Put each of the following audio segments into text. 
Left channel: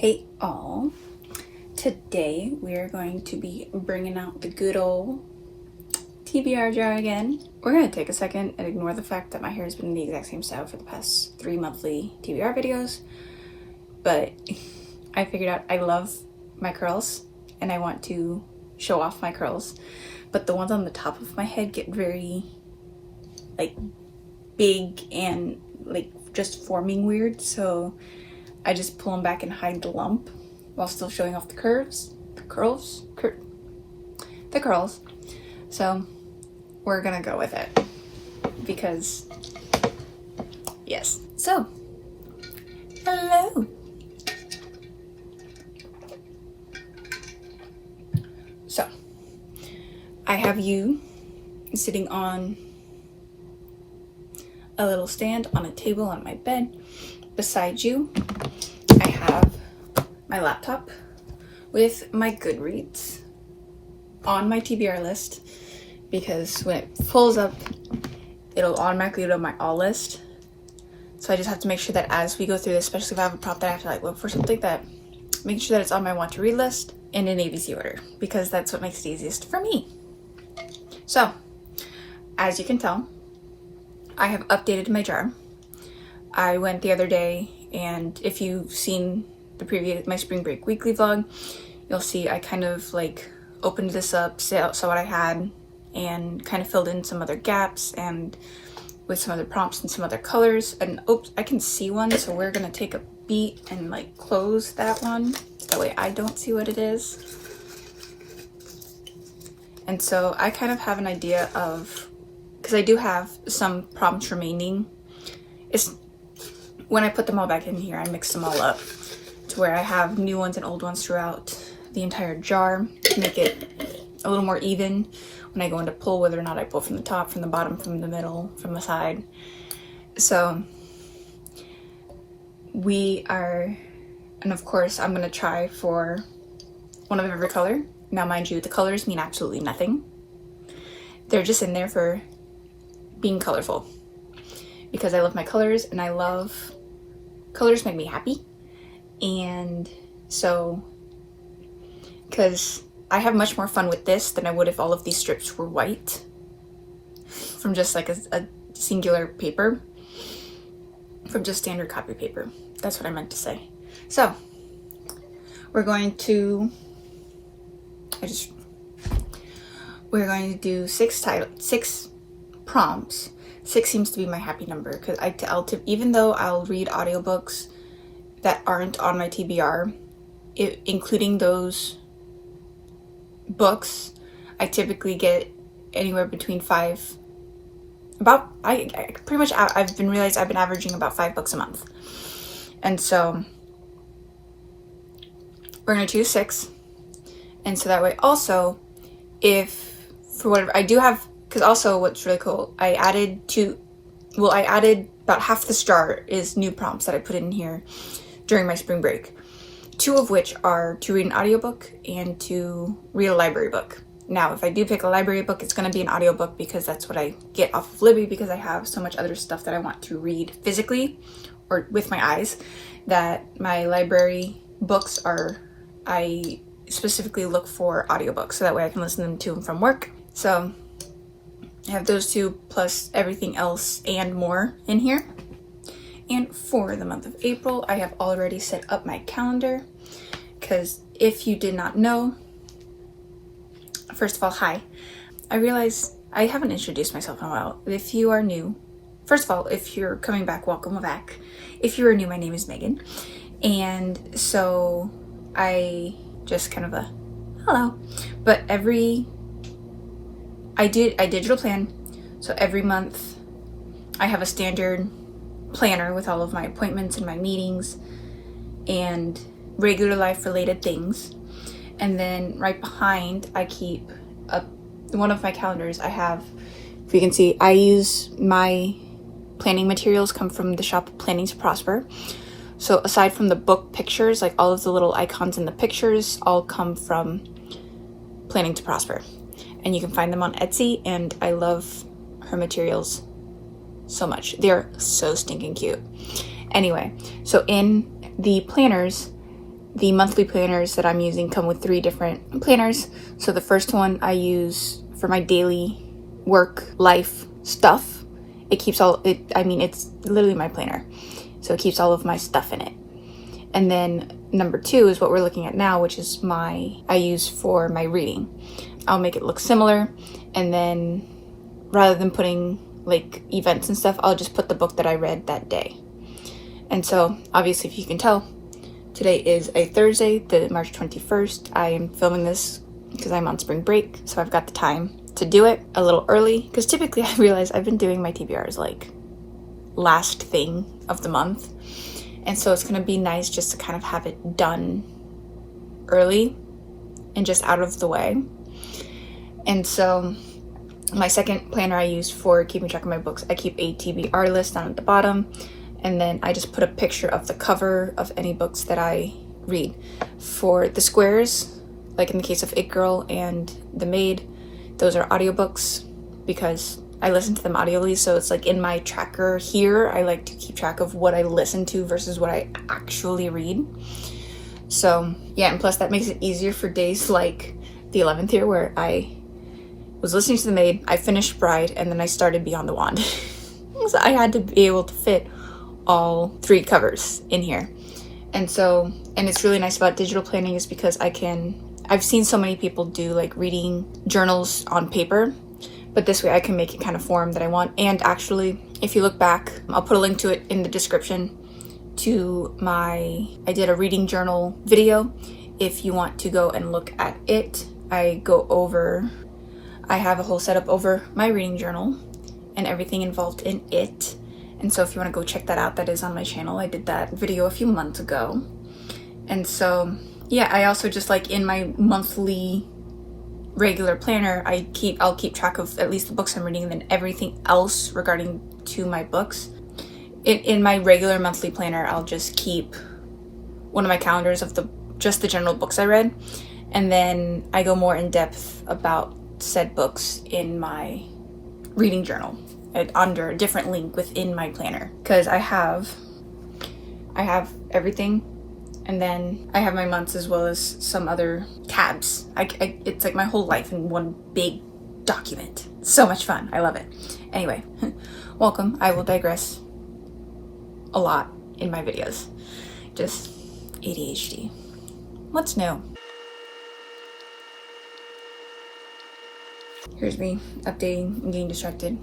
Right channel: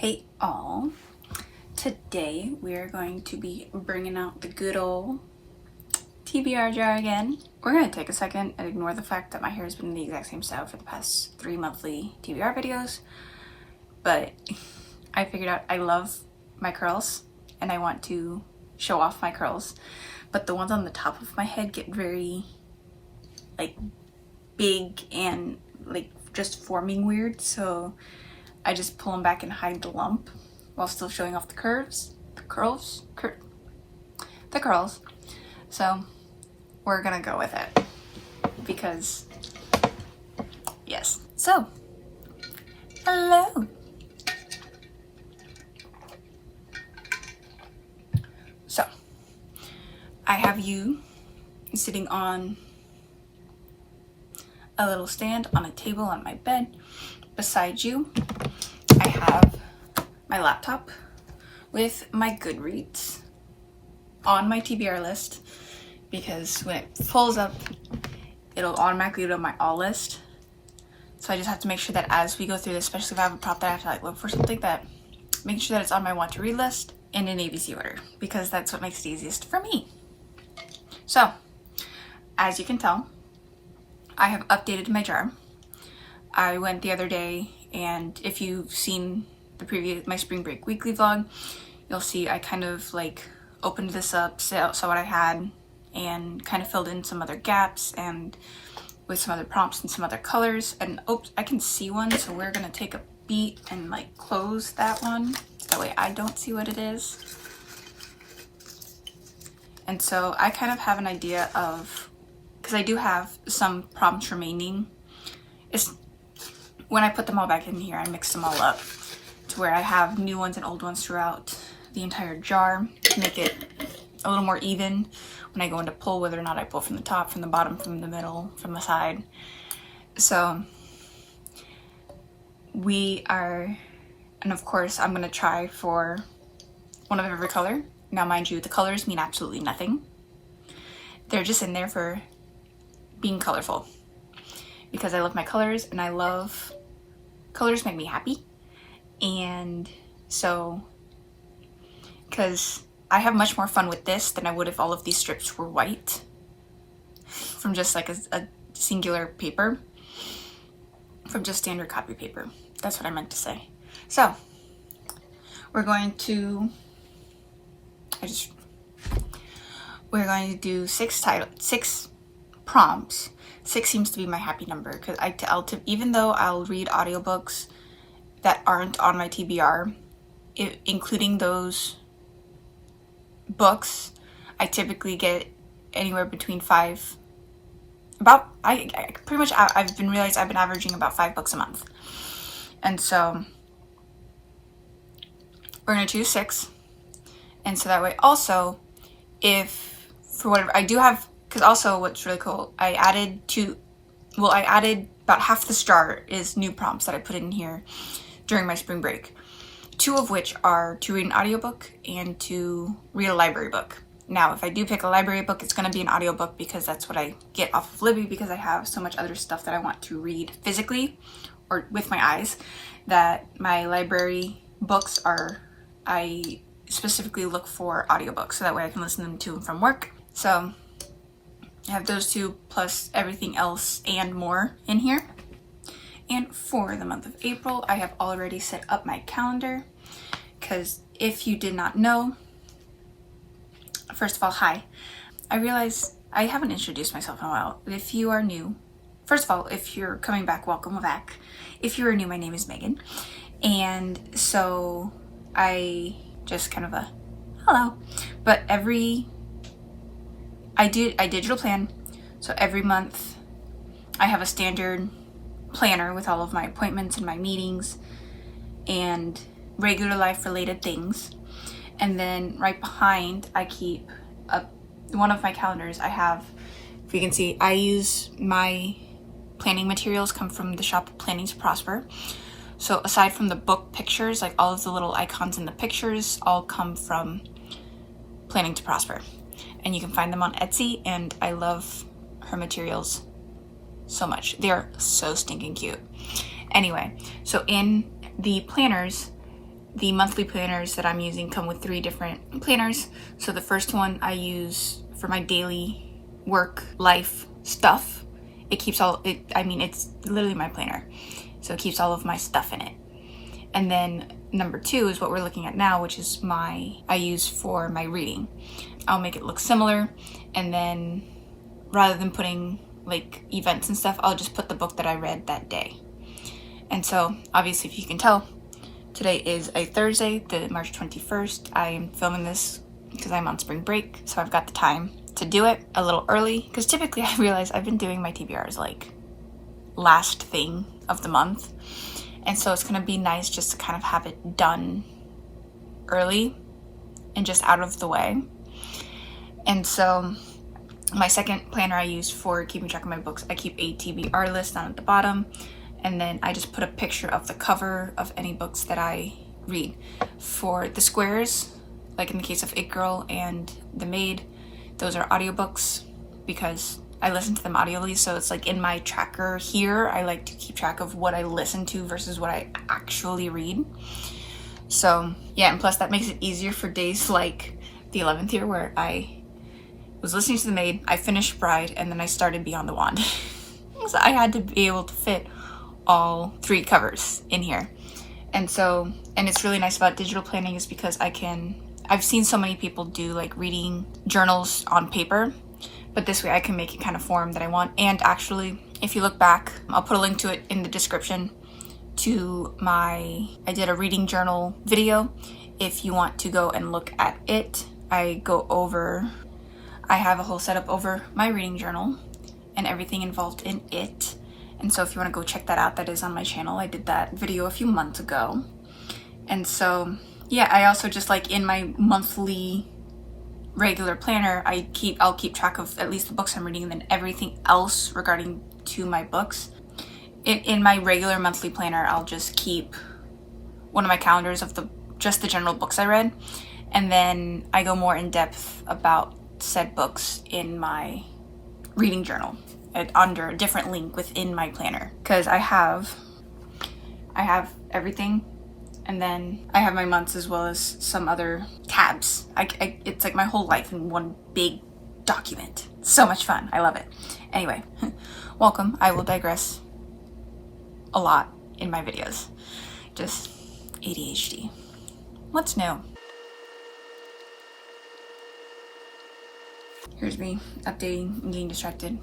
Hey all, today we are going to be bringing out the good old TBR jar again. We're going to take a second and ignore the fact that my hair has been the exact same style for the past 3 monthly TBR videos, but I figured out I love my curls and I want to show off my curls, but the ones on the top of my head get very like big and like just forming weird, so I just pull them back and hide the lump while still showing off the curls. So we're gonna go with it because yes. So hello. So I have you sitting on a little stand on a table on my bed. Beside you, I have my laptop with my Goodreads on my TBR list, because when it pulls up, it'll automatically go to my all list. So I just have to make sure that as we go through this, especially if I have a prop that I have to like look for something, that making sure that it's on my want to read list and in ABC order, because that's what makes it easiest for me. So as you can tell, I have updated my jar. I went the other day, and if you've seen the previous my spring break weekly vlog, you'll see I kind of like opened this up, saw what I had, and kind of filled in some other gaps and with some other prompts and some other colors. And oops, I can see one, so we're gonna take a beat and like close that one, that way I don't see what it is. And so I kind of have an idea of, because I do have some prompts remaining. It's when I put them all back in here, I mixed them all up to where I have new ones and old ones throughout the entire jar to make it a little more even when I go into pull, whether or not I pull from the top, from the bottom, from the middle, from the side. So we are, and of course I'm gonna try for one of every color. Now mind you, the colors mean absolutely nothing. They're just in there for being colorful, because I love my colors and I love colors, make me happy. And so, because I have much more fun with this than I would if all of these strips were white from just like a singular paper, from just standard copy paper. That's what I meant to say. So we're going to do 6 prompts. 6 seems to be my happy number, because even though I'll read audiobooks that aren't on my TBR, including those books, I typically get anywhere between 5. I've been averaging about 5 books a month, and so we're gonna choose 6, and so that way also, if for whatever I do have. Because also what's really cool, I added about half this jar is new prompts that I put in here during my spring break. 2 of which are to read an audiobook and to read a library book. Now, if I do pick a library book, it's going to be an audiobook, because that's what I get off of Libby, because I have so much other stuff that I want to read physically or with my eyes, that my library books I specifically look for audiobooks, so that way I can listen to them from work. So I have those 2 plus everything else and more in here. And for the month of April, I have already set up my calendar, because if you did not know, first of all, hi. I realize I haven't introduced myself in a while. If you are new, first of all, if you're coming back, welcome back. If you are new, my name is Megan. And so I just kind of hello. But I digital plan, so every month I have a standard planner with all of my appointments and my meetings and regular life related things. And then right behind, I keep one of my calendars. I have, if you can see, I use my planning materials come from the shop Planning to Prosper. So aside from the book pictures, like all of the little icons in the pictures all come from Planning to Prosper. And you can find them on Etsy, and I love her materials so much. They're so stinking cute. Anyway, so in the planners, the monthly planners that I'm using come with 3 different planners. So the first one I use for my daily work life stuff. It keeps all it, I mean, it's literally my planner. So it keeps all of my stuff in it. And then number 2 is what we're looking at now, which is I use for my reading. I'll make it look similar, and then rather than putting like events and stuff, I'll just put the book that I read that day. And so obviously, if you can tell, today is a Thursday, the March 21st. I am filming this because I'm on spring break, so I've got the time to do it a little early, because typically I realize I've been doing my TBRs like last thing of the month, and so it's gonna be nice just to kind of have it done early and just out of the way. And so my second planner I use for keeping track of my books, I keep a TBR list down at the bottom, and then I just put a picture of the cover of any books that I read. For the squares, like in the case of It Girl and The Maid, those are audiobooks because I listen to them audibly, so it's like in my tracker here, I like to keep track of what I listen to versus what I actually read. So yeah, and plus that makes it easier for days like the 11th here, where I was listening to The Maid, I finished Bride, and then I started Beyond the Wand. So I had to be able to fit all 3 covers in here. And it's really nice about digital planning is because I've seen so many people do like reading journals on paper, but this way I can make it kind of form that I want. And actually, if you look back, I'll put a link to it in the description to I did a reading journal video. If you want to go and look at it, I have a whole setup over my reading journal and everything involved in it. And so if you want to go check that out, that is on my channel. I did that video a few months ago. And so yeah, I also just like in my monthly regular planner, I'll keep track of at least the books I'm reading, and then everything else regarding to my books. In my regular monthly planner, I'll just keep one of my calendars of just the general books I read, and then I go more in depth about said books in my reading journal under a different link within my planner, because I have everything. And then I have my months as well as some other tabs. It's like my whole life in one big document. So much fun. I love it. Anyway, welcome. I will digress a lot in my videos. Just ADHD. What's new? Here's me updating and getting distracted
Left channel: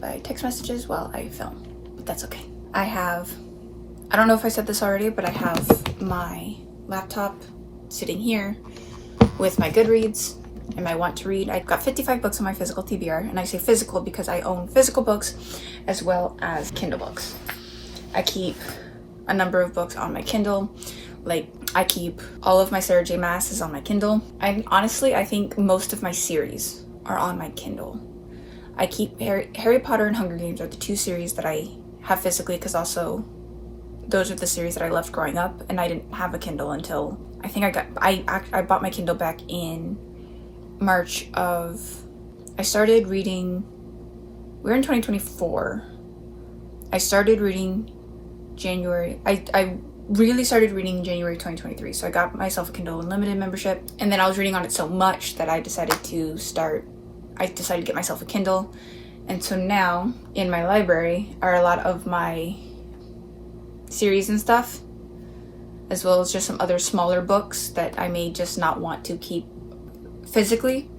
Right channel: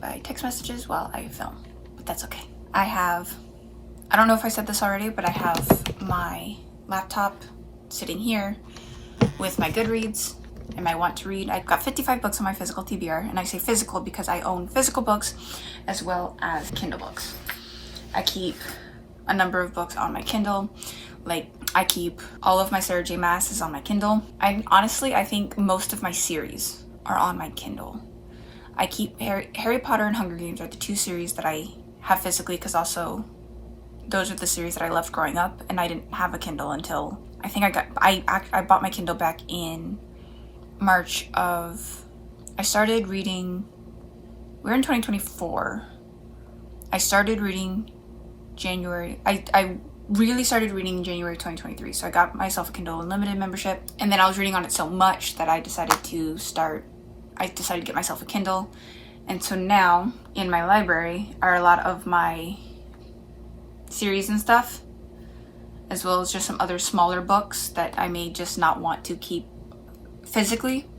by text messages while I film. But that's okay. I don't know if I said this already, but I have my laptop sitting here with my Goodreads and my Want to Read. I've got 55 books on my physical TBR, and I say physical because I own physical books as well as Kindle books. I keep a number of books on my Kindle. Like, I keep all of my Sarah J. Maas on my Kindle. I think most of my series are on my Kindle. I keep Harry Potter and Hunger Games are the 2 series that I have physically, because also those are the series that I loved growing up, and I didn't have a Kindle until I bought my Kindle back in March of, I started reading, we're in 2024. I started reading January, I really started reading January 2023, so I got myself a Kindle Unlimited membership, and then I was reading on it so much that I decided to get myself a Kindle. And so now in my library are a lot of my series and stuff, as well as just some other smaller books that I may just not want to keep physically.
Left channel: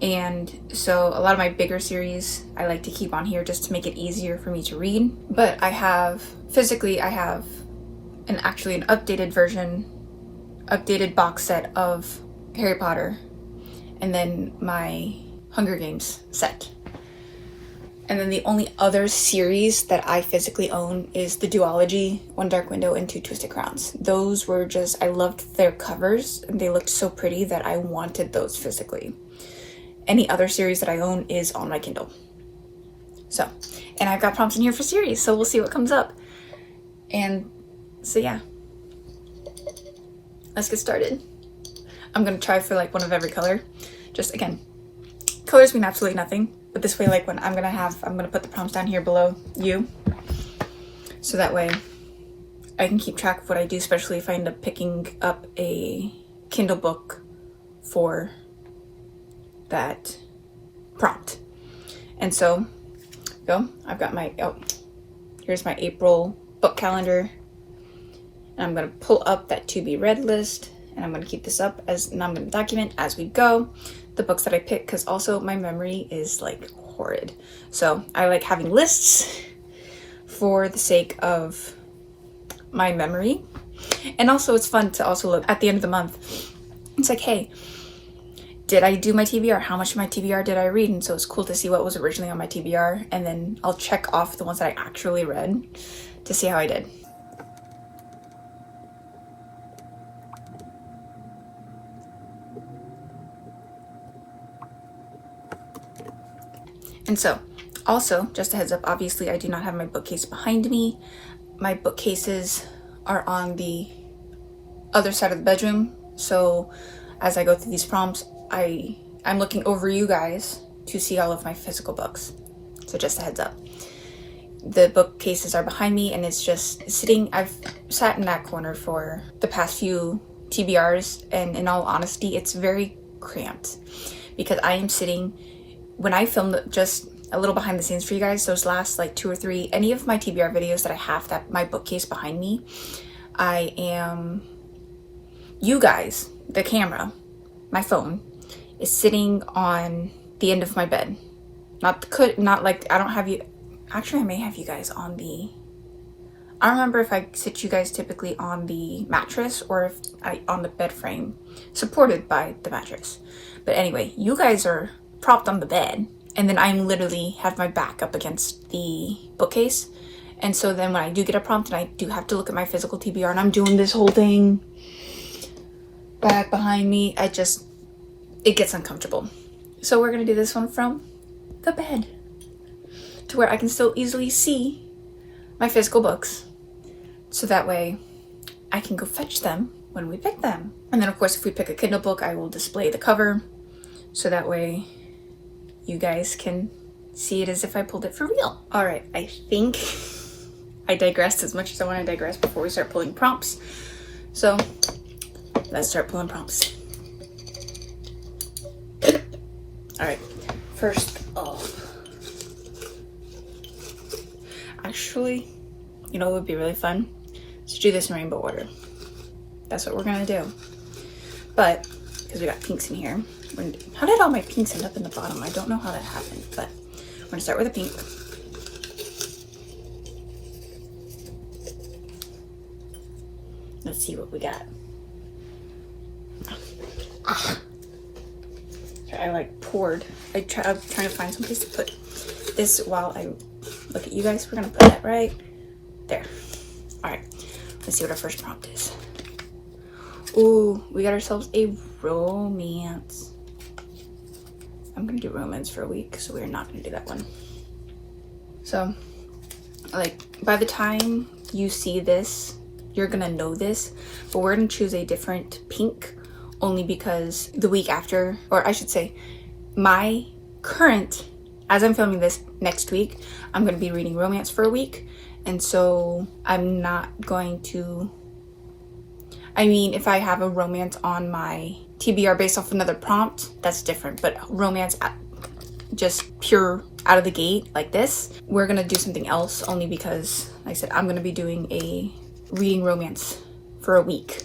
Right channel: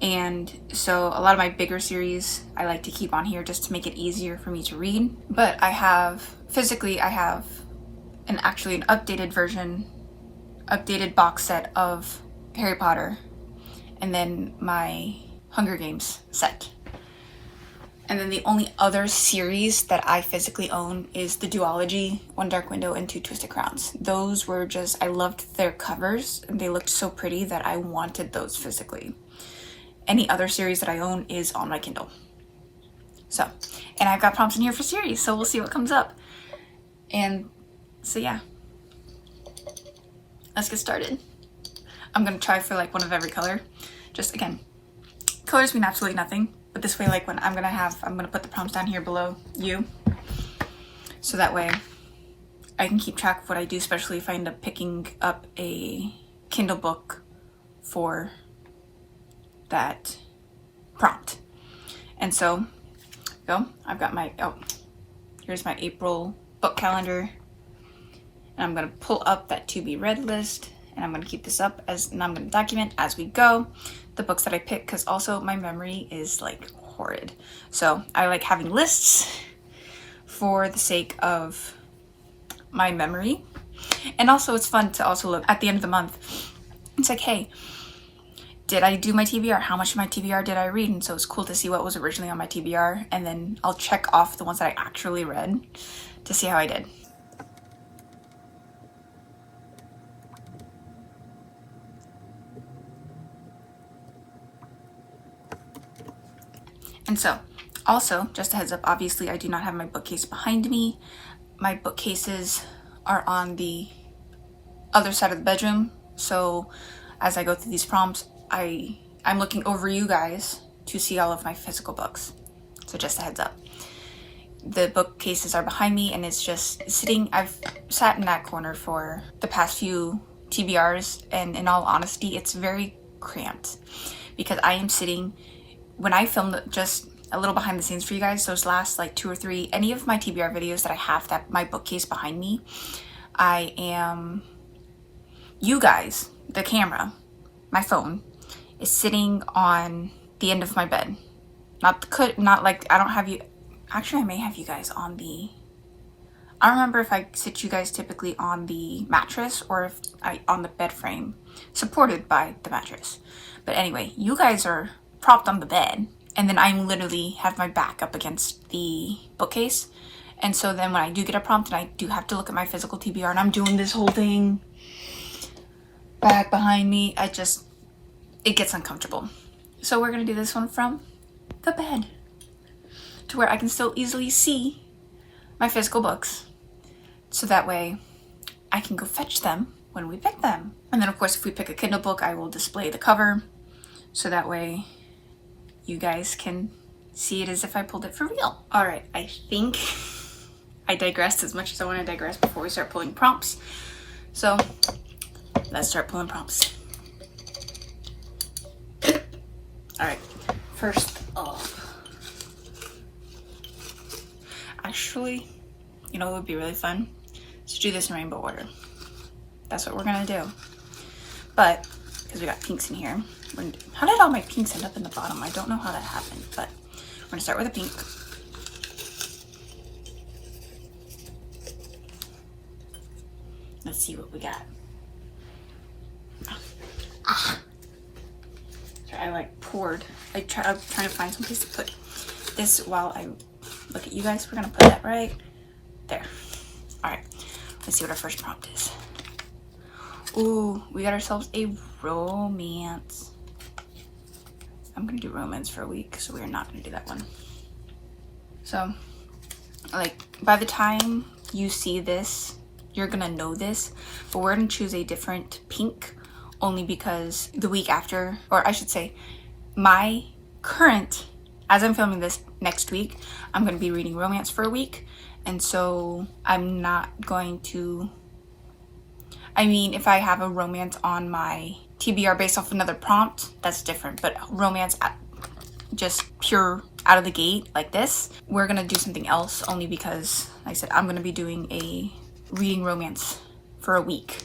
And so a lot of my bigger series I like to keep on here just to make it easier for me to read. But I have an updated box set of Harry Potter, and then my Hunger Games set. And then the only other series that I physically own is the duology, One Dark Window and Two Twisted Crowns. Those were just, I loved their covers, and they looked so pretty that I wanted those physically. Any other series that I own is on my Kindle. So, and I've got prompts in here for series, so we'll see what comes up. And so yeah, let's get started. I'm gonna try for like one of every color. Just again, colors mean absolutely nothing, but this way, like when I'm gonna put the prompts down here below you, so that way I can keep track of what I do, especially if I end up picking up a Kindle book for that prompt. And so, I've got my, here's my April book calendar. And I'm going to pull up that to be read list, and I'm going to keep this up and I'm going to document as we go the books that I pick, because also my memory is like horrid. So I like having lists for the sake of my memory. And also it's fun to also look at the end of the month. It's like, hey, did I do my TBR? How much of my TBR did I read? And so it's cool to see what was originally on my TBR, and then I'll check off the ones that I actually read to see how I did. And so, also, just a heads up, obviously I do not have my bookcase behind me. My bookcases are on the other side of the bedroom. So as I go through these prompts, I'm looking over you guys to see all of my physical books. So just a heads up. The bookcases are behind me, and it's just sitting. I've sat in that corner for the past few TBRs, and in all honesty, it's very cramped because I am sitting. When I filmed, just a little behind the scenes for you guys, those last like 2 or 3, any of my TBR videos that I have that my bookcase behind me, you guys, the camera, my phone, is sitting on the end of my bed. Not like, I don't have you, actually I may have you guys on the, I don't remember if I sit you guys typically on the mattress or if on the bed frame, supported by the mattress. But anyway, you guys are propped on the bed, and then I'm literally have my back up against the bookcase. And so then when I do get a prompt and I do have to look at my physical TBR and I'm doing this whole thing back behind me, it gets uncomfortable. So we're gonna do this one from the bed to where I can still easily see my physical books, so that way I can go fetch them when we pick them. And then of course, if we pick a Kindle book, I will display the cover, so that way you guys can see it as if I pulled it for real. All right, I think I digressed as much as I want to digress before we start pulling prompts. So let's start pulling prompts. All right, first off, actually, you know what would be really fun? To do this in rainbow order. That's what we're gonna do. But, because we got pinks in here. How did all my pinks end up in the bottom? I don't know how that happened, but we're gonna start with a pink. Let's see what we got. I like poured. I'm trying to find some place to put this while I look at you guys. We're gonna put that right there. All right, let's see what our first prompt is. Ooh, we got ourselves a romance. I'm gonna do romance for a week, so we're not gonna do that one. So, like, by the time you see this, you're gonna know this, but we're gonna choose a different pink only because the week after, or I should say, my current, as I'm filming this next week, I'm gonna be reading romance for a week, and so I'm not going to, I mean, if I have a romance on my TBR based off another prompt, that's different, but romance just pure out of the gate like this, we're gonna do something else only because, like I said, I'm gonna be doing a reading romance for a week.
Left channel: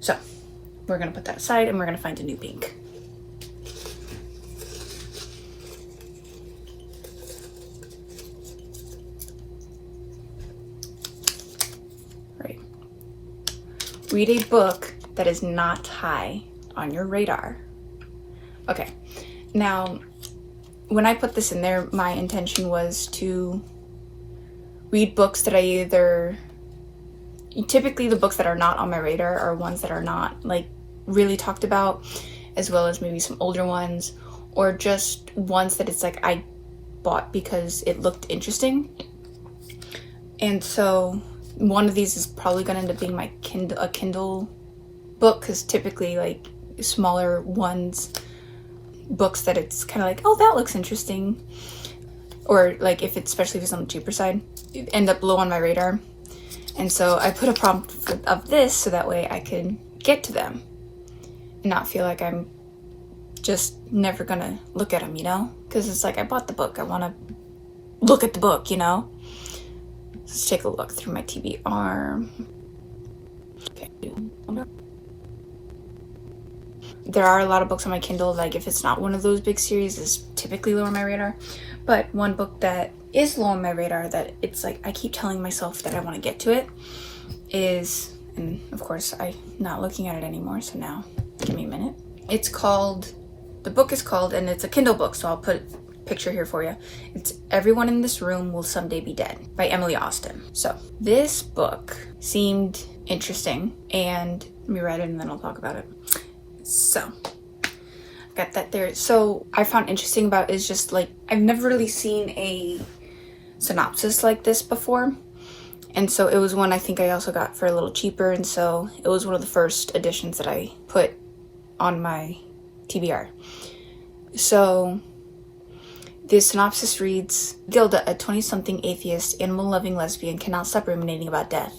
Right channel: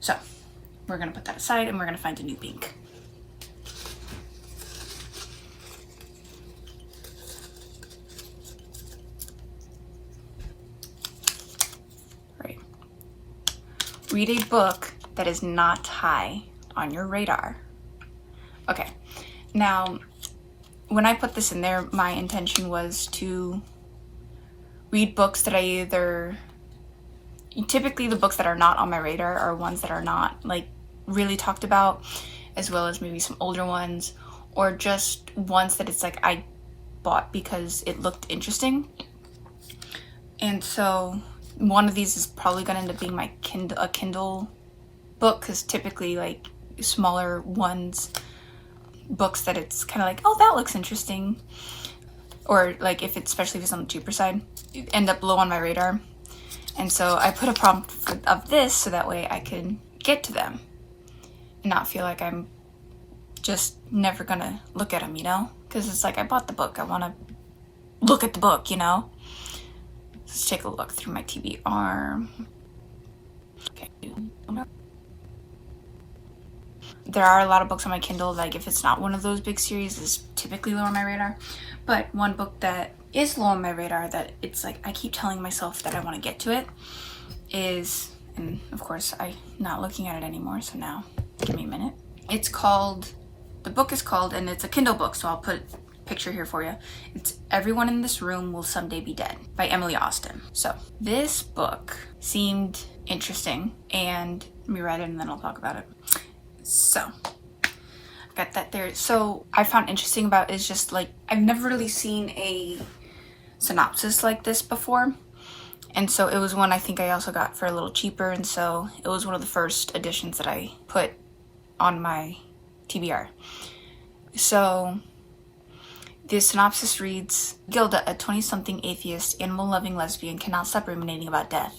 So we're gonna put that aside and we're gonna find a new pink. Right. Read a book that is not high on your radar. Okay, now when I put this in there, my intention was to read books that I either, typically the books that are not on my radar are ones that are not like really talked about, as well as maybe some older ones, or just ones that it's like I bought because it looked interesting. And so one of these is probably gonna end up being my Kindle book, because typically like smaller ones, books that it's kind of like, oh, that looks interesting, or like if it's, especially if it's on the cheaper side, end up low on my radar. And so I put a prompt of this so that way I can get to them and not feel like I'm just never gonna look at them, you know? Because it's like, I bought the book, I want to look at the book, you know? Let's take a look through my TBR. Okay. There are a lot of books on my Kindle, like if it's not one of those big series, it's typically low on my radar. But one book that is low on my radar that it's like I keep telling myself that I want to get to it is, and of course I'm not looking at it anymore, so now give me a minute. It's called, the book is called, and it's a Kindle book, so I'll put a picture here for you. It's Everyone in This Room Will Someday Be Dead by Emily Austin. So this book seemed interesting, and let me read it and then I'll talk about it. So got that there. So I found interesting about is just like, I've never really seen a synopsis like this before, and so it was one I think I also got for a little cheaper, and so it was one of the first editions that I put on my TBR. So the synopsis reads, Gilda, a 20-something atheist, animal-loving lesbian, cannot stop ruminating about death.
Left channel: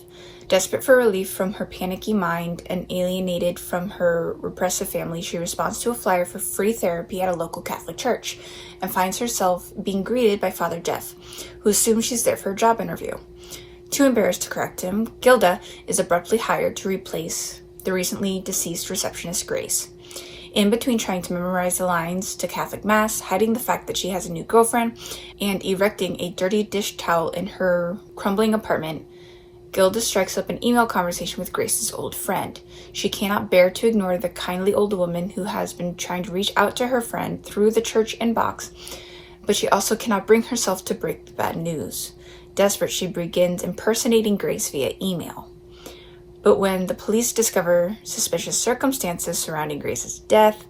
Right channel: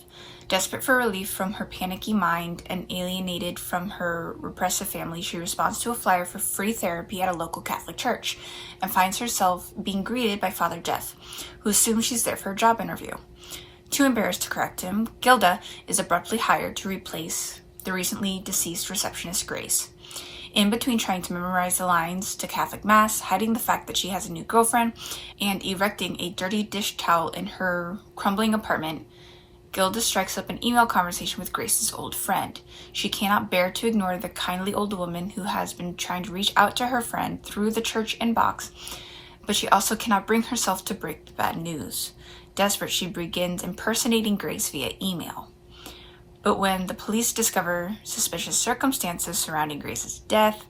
Desperate for relief from her panicky mind and alienated from her repressive family, she responds to a flyer for free therapy at a local Catholic church and finds herself being greeted by Father Jeff, who assumes she's there for a job interview. Too embarrassed to correct him, Gilda is abruptly hired to replace the recently deceased receptionist Grace. In between trying to memorize the lines to Catholic Mass, hiding the fact that she has a new girlfriend, and erecting a dirty dish towel in her crumbling apartment, Gilda strikes up an email conversation with Grace's old friend. She cannot bear to ignore the kindly old woman who has been trying to reach out to her friend through the church inbox, but she also cannot bring herself to break the bad news. Desperate, she begins impersonating Grace via email. But when the police discover suspicious circumstances surrounding Grace's death,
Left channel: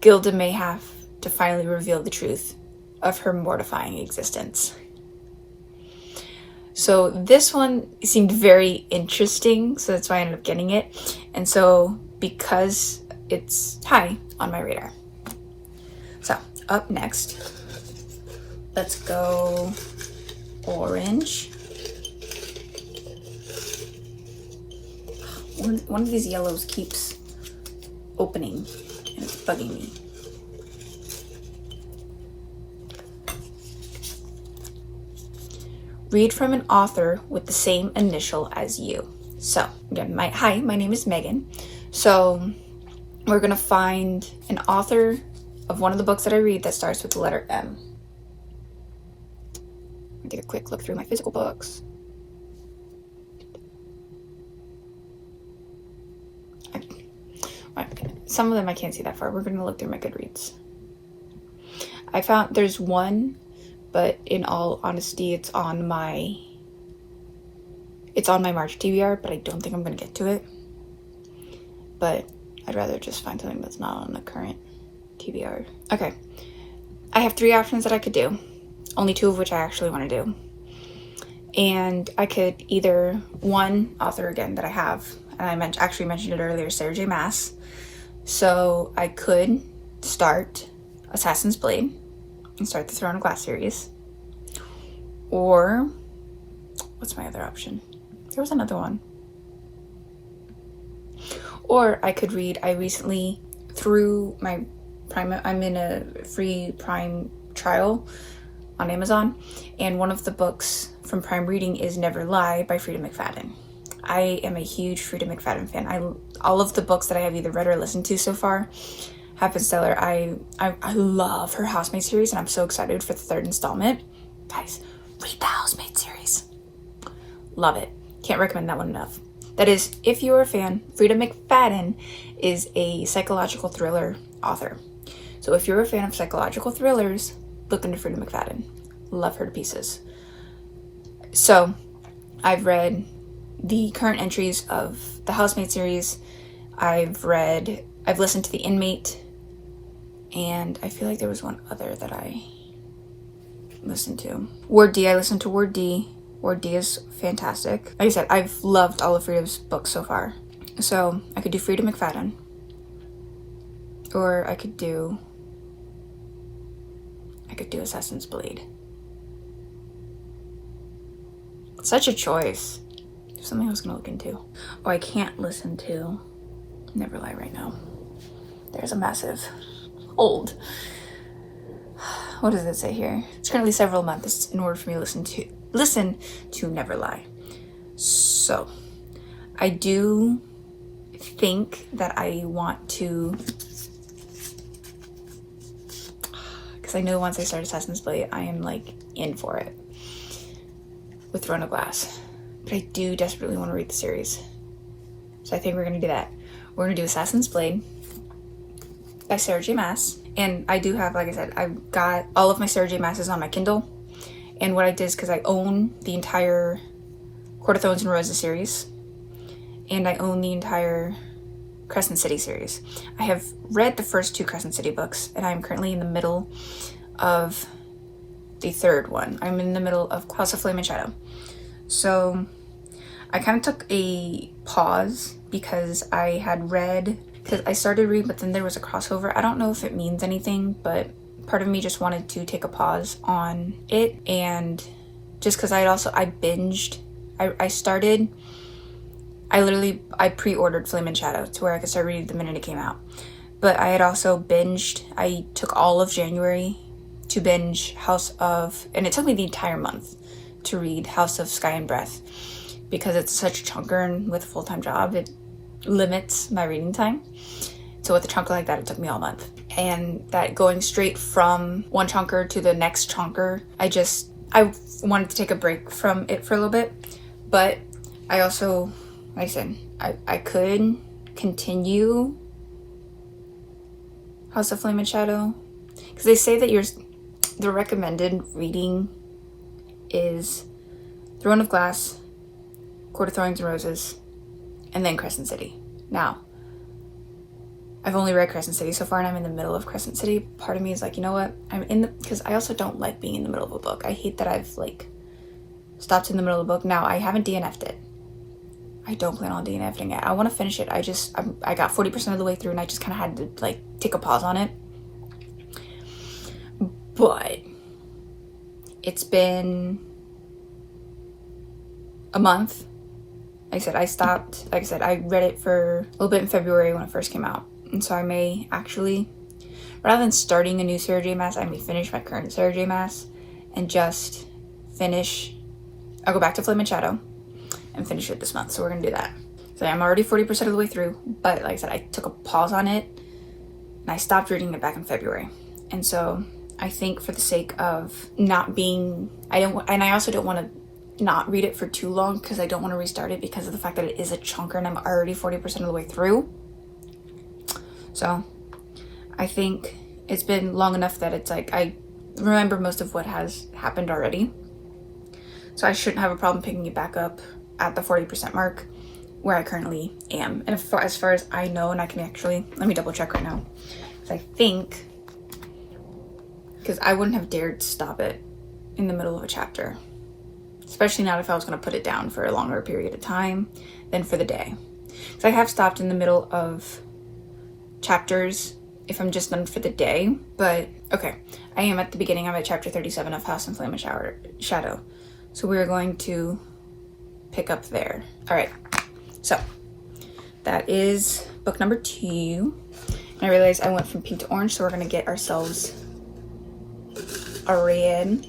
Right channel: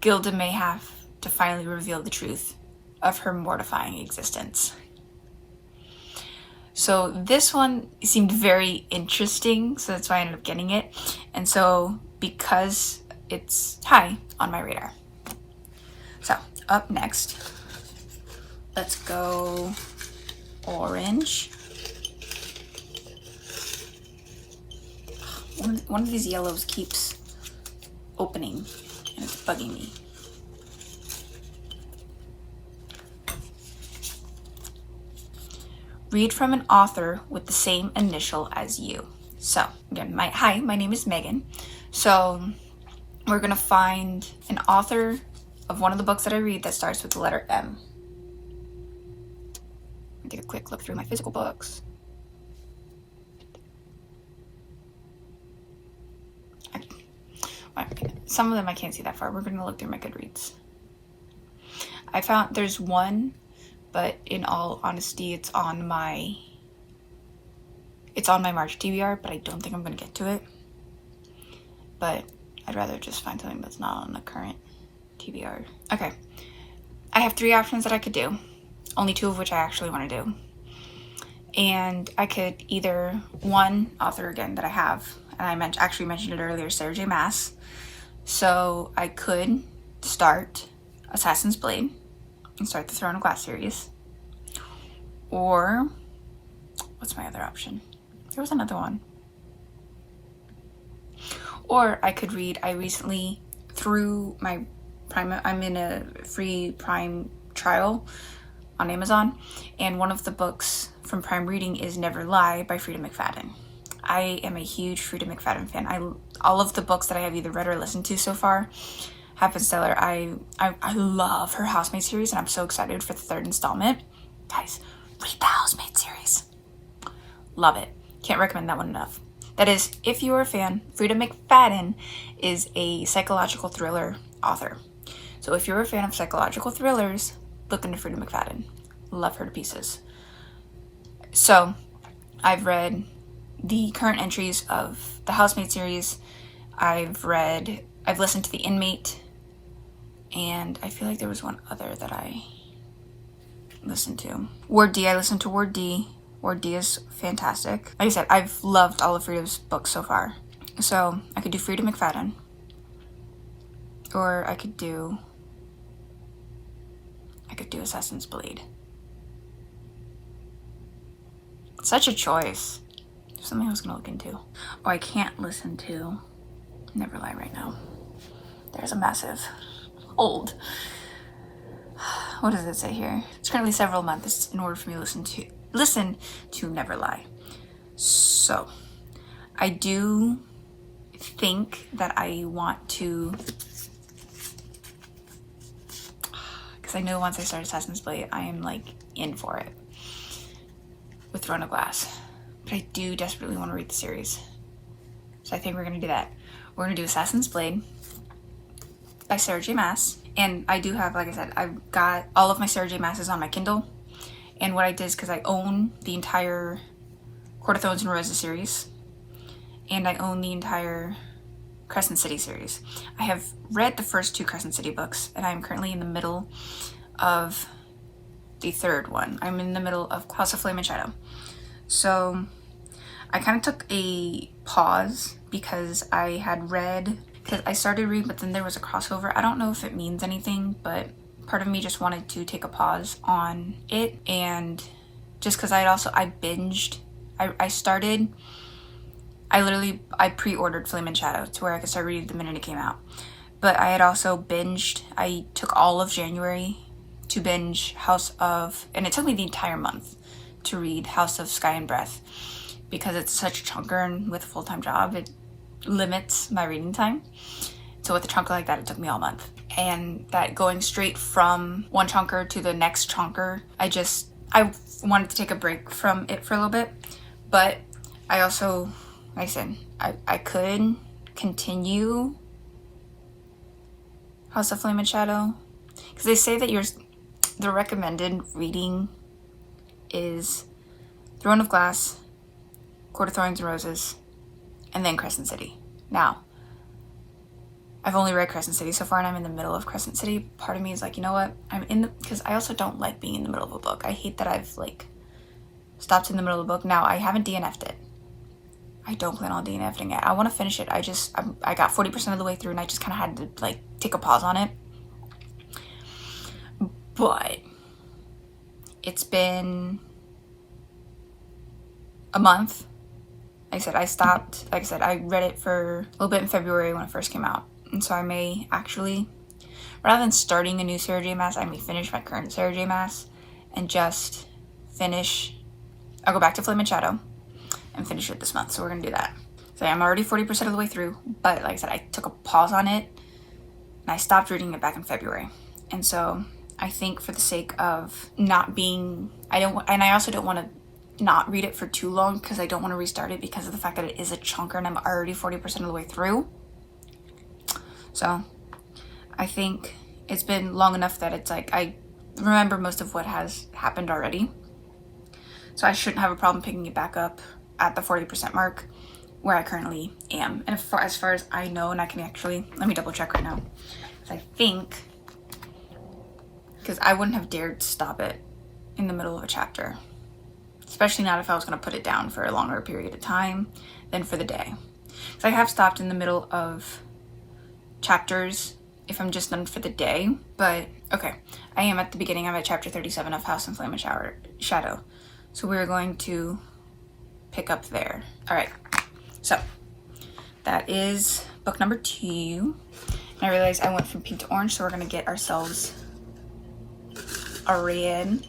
Gilda may have to finally reveal the truth of her mortifying existence. So this one seemed very interesting, so that's why I ended up getting it. And so because it's high on my radar. So up next, let's go orange. One of these yellows keeps opening and it's bugging me. Read from an author with the same initial as you. So again, hi, my name is Megan. So we're gonna find an author of one of the books that I read that starts with the letter M. I'll take a quick look through my physical books. Some of them I can't see that far. We're gonna look through my Goodreads. I found there's one, but in all honesty, it's on my March TBR, but I don't think I'm gonna get to it. But I'd rather just find something that's not on the current TBR. Okay, I have 3 options that I could do, only 2 of which I actually want to do. And I could either, one author again that I have, and I actually mentioned it earlier, Sarah J. Maas. So I could start Assassin's Blade and start the Throne of Glass series. Or, what's my other option? There was another one. Or I could read, I recently, through my Prime, I'm in a free Prime trial on Amazon, and one of the books from Prime Reading is Never Lie by Freida McFadden. I am a huge Freida McFadden fan. All of the books that I have either read or listened to so far have been stellar. I love her Housemaid series, and I'm so excited for the 3rd installment. Guys, read the Housemaid series. Love it. Can't recommend that one enough. That is, if you're a fan, Freida McFadden is a psychological thriller author. So if you're a fan of psychological thrillers, look into Freida McFadden. Love her to pieces. So I've read the current entries of the Housemaid series. I've listened to The Inmate, and I feel like there was one other that I listened to. Ward D, I listened to Ward D. Ward D is fantastic. Like I said, I've loved all of Freida's books so far. So I could do Freida McFadden, or I could do Assassin's Blade. Such a choice. something I was gonna look into. Oh, I can't listen to Neverlie right now. There's a massive hold. What does it say here? It's currently several months in order for me to listen to Neverlie. So I do think that I want to, because I know once I start Assassin's Blade, I am like in for it with Throne of Glass. But I do desperately want to read the series. So I think we're gonna do that. We're gonna do Assassin's Blade by Sarah J Maas. And I do have, like I said, I've got all of my Sarah J Maas's on my Kindle. And what I did is, because I own the entire Court of Thorns and Roses series, and I own the entire Crescent City series. I have read the first 2 Crescent City books, and I'm currently in the middle of the 3rd one. I'm in the middle of House of Flame and Shadow. So I kind of took a pause because I had read, because I started reading, but then there was a crossover. I don't know if it means anything, but part of me just wanted to take a pause on it. And just because I binged, I pre-ordered Flame and Shadow to where I could start reading the minute it came out. But I had also binged, I took all of January to binge and it took me the entire month to read House of Sky and Breath, because it's such a chunker, and with a full-time job, it limits my reading time. So with a chunker like that, it took me all month. And that going straight from one chunker to the next chunker, I wanted to take a break from it for a little bit. But I also, like I said, I could continue House of Flame and Shadow, because they say that the recommended reading is Throne of Glass, Court of Thorns and Roses, and then Crescent City. Now, I've only read Crescent City so far, and I'm in the middle of Crescent City. Part of me is like, you know what? Because I also don't like being in the middle of a book. I hate that I've like stopped in the middle of the book. Now, I haven't DNF'd it. I don't plan on DNFing it. I want to finish it. I got 40% of the way through, and I just kind of had to like take a pause on it. But it's been a month. Like I said, I stopped. Like I said, I read it for a little bit in February when it first came out. And so I may actually, rather than starting a new Sarah J Maas, I may finish my current Sarah J Maas and just I'll go back to Flame and Shadow and finish it this month. So we're going to do that. So I'm already 40% of the way through, but like I said, I took a pause on it and I stopped reading it back in February. And so I think for the sake of not being, I also don't want to not read it for too long, because I don't want to restart it because of the fact that it is a chunker and I'm already 40% of the way through. So I think it's been long enough that it's like I remember most of what has happened already. So I shouldn't have a problem picking it back up at the 40% mark where I currently am. And as far as I know, and I can actually, let me double check right now. Because I think, because I wouldn't have dared stop it in the middle of a chapter. Especially not if I was going to put it down for a longer period of time than for the day. So I have stopped in the middle of chapters if I'm just done for the day. But okay, I am at the beginning. I'm at chapter 37 of House and Flame and Shadow. So we're going to pick up there. All right, so that is book number 2. And I realized I went from pink to orange, so we're going to get ourselves a red.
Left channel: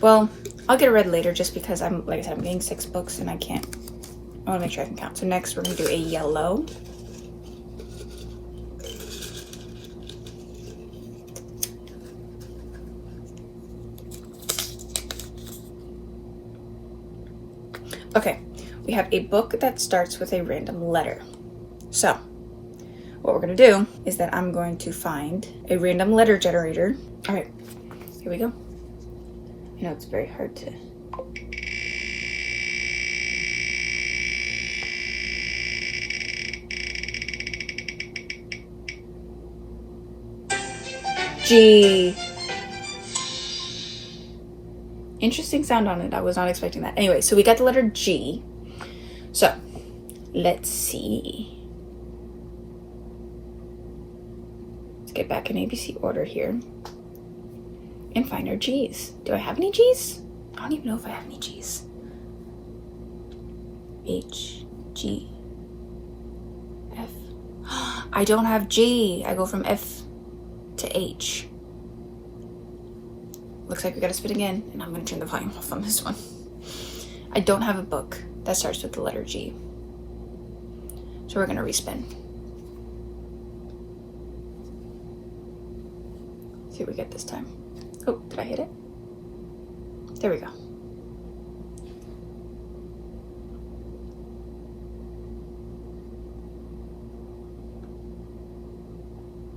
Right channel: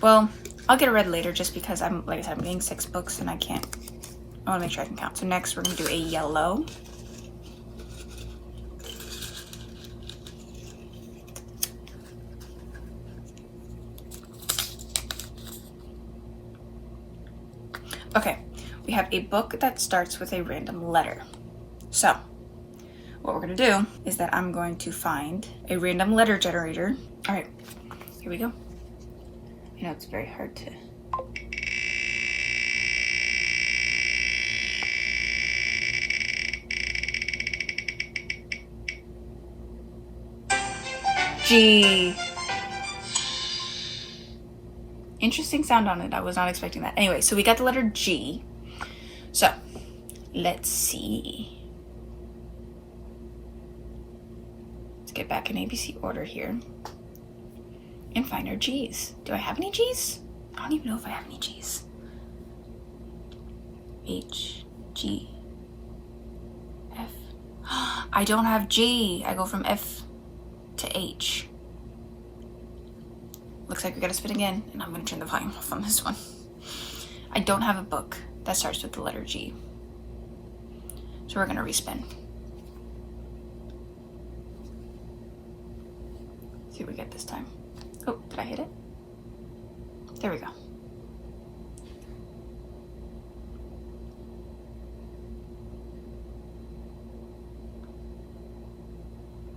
Well, I'll get a red later just because like I said, I'm getting 6 books and I want to make sure I can count. So next we're going to do a yellow. Okay, we have a book that starts with a random letter. So what we're going to do is that I'm going to find a random letter generator. All right, here we go. You know, it's very hard to... G. Interesting sound on it. I was not expecting that. Anyway, so we got the letter G. So, let's see. Let's get back in ABC order here. And find our G's. Do I have any G's? I don't even know if I have any G's. H, G, F. I don't have G. I go from F to H. Looks like we gotta spin again, and I'm gonna turn the volume off on this one. I don't have a book that starts with the letter G. So we're gonna respin. See what we get this time. Oh, did I hit it? There we go.